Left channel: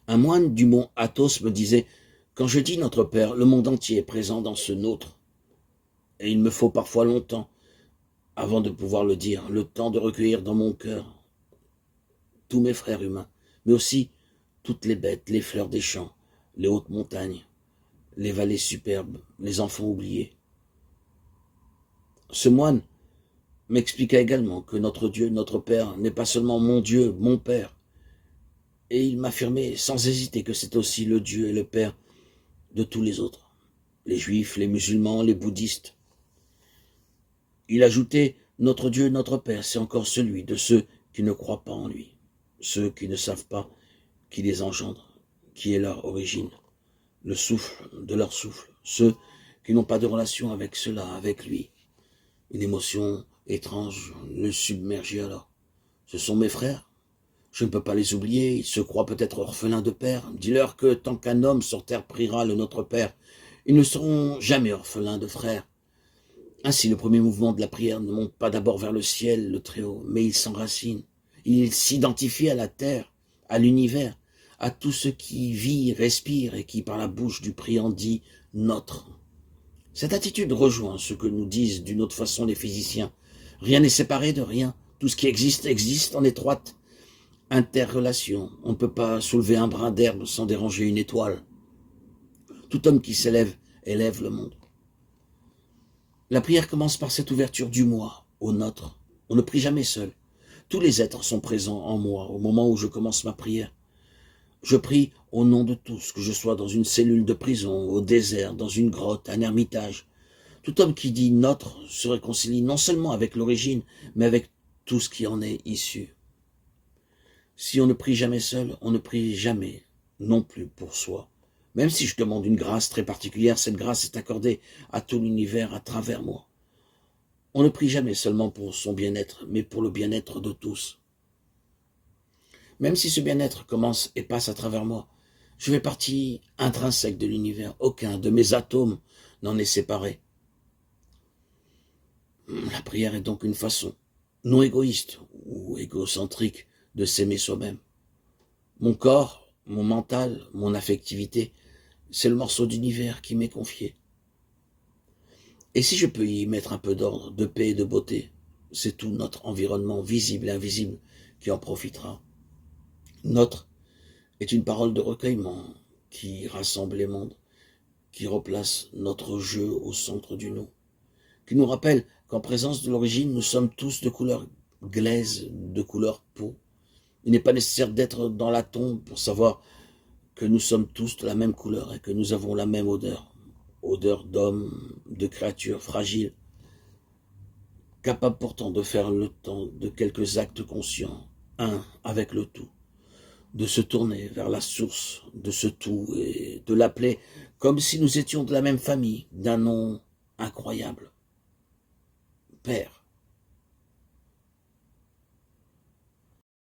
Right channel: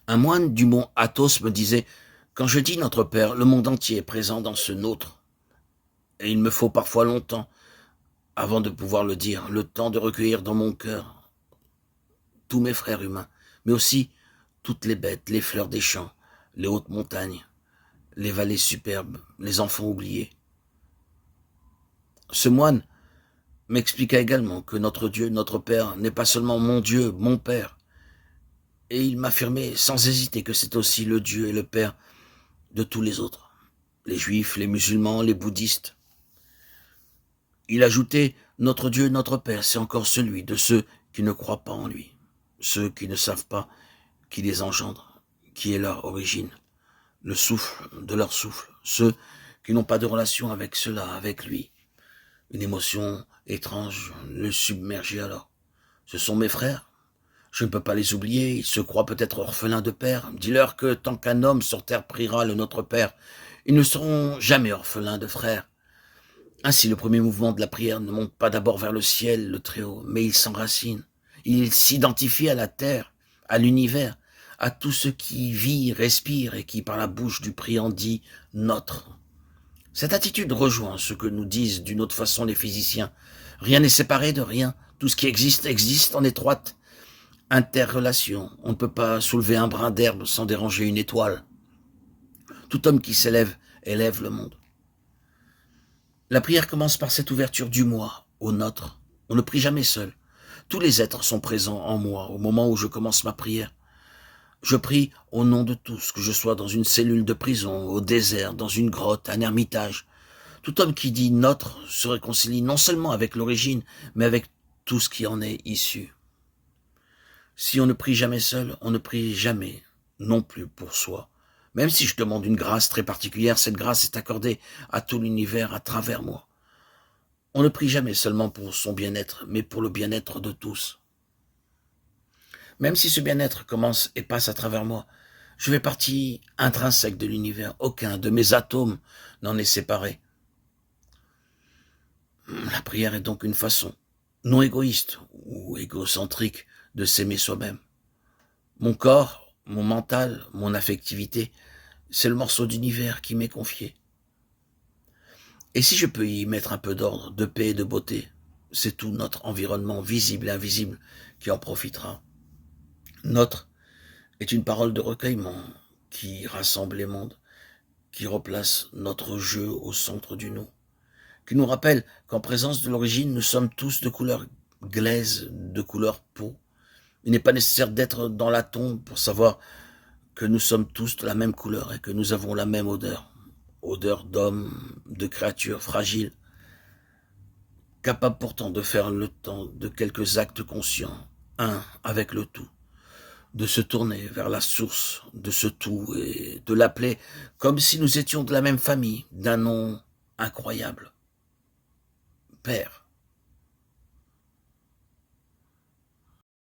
Un moine du mont Athos me disait « Quand je dis notre Père, le monde entier est présent dans ce nôtre. Et il me faut parfois longtemps avant de pouvoir le dire, le temps de recueillir dans mon cœur tous mes frères humains, mais aussi toutes les bêtes, les fleurs des champs, les hautes montagnes, les vallées superbes, les enfants oubliés. » Ce moine m'expliqua également que notre Dieu, notre Père, n'est pas seulement mon Dieu, mon Père, et il m'affirmait sans hésiter que c'est aussi le Dieu et le Père de tous les autres, les juifs, les musulmans, les bouddhistes. Il ajoutait « Notre Dieu, notre Père, c'est encore celui de ceux qui ne croient pas en lui, ceux qui ne savent pas qui les engendre, qui est leur origine, le souffle de leur souffle, ceux qui n'ont pas de relation avec cela, avec lui. » Une émotion étrange le submergeait alors. Ce sont mes frères. Je ne peux pas les oublier. Ils se croient peut-être orphelins de père. Dis-leur que tant qu'un homme sur terre priera le Notre Père, ils ne seront jamais orphelins de frères. Ainsi, le premier mouvement de la prière ne monte pas d'abord vers le ciel, le Très-Haut, mais il s'enracine. Il s'identifie à la terre, à l'univers, à tout ce qui vit, respire et qui, par la bouche du priant, dit « notre ». Cette attitude rejoint ce que nous disent d'une autre façon les physiciens. Rien n'est séparé de rien. Tout ce qui existe existe en étroite interrelation. On ne peut pas soulever un brin d'herbe sans déranger une étoile. Tout homme qui s'élève élève le monde. La prière commence par cette ouverture du moi au nôtre. On ne prie jamais seul. Tous les êtres sont présents en moi au moment où je commence ma prière. Je prie au nom de tous, que je sois dans une cellule de prison, au désert, dans une grotte, un ermitage. Tout homme qui dit « notre » se réconcilie non seulement avec l'origine, mais avec tout ce qui en est issu. Si on ne prie jamais seul, on ne prie jamais non plus pour soi. Même si je demande une grâce très particulière, cette grâce est accordée à tout l'univers à travers moi. On ne prie jamais seulement pour son bien-être, mais pour le bien-être de tous. Même si ce bien-être commence et passe à travers moi, je fais partie intrinsèque de l'univers. Aucun de mes atomes n'en est séparé. La prière est donc une façon non égoïste ou égocentrique de s'aimer soi-même. Mon corps, mon mental, mon affectivité, c'est le morceau d'univers qui m'est confié. Et si je peux y mettre un peu d'ordre, de paix et de beauté, c'est tout notre environnement visible et invisible qui en profitera. Notre est une parole de recueillement qui rassemble les mondes, qui replace notre jeu au centre du nous, qui nous rappelle qu'en présence de l'origine, nous sommes tous de couleur glaise, de couleur peau. Il n'est pas nécessaire d'être dans la tombe pour savoir que nous sommes tous de la même couleur et que nous avons la même odeur. Odeur d'homme, de créatures fragiles, capable pourtant de faire le temps de quelques actes conscients, un avec le tout, de se tourner vers la source de ce tout et de l'appeler comme si nous étions de la même famille, d'un nom incroyable. Père.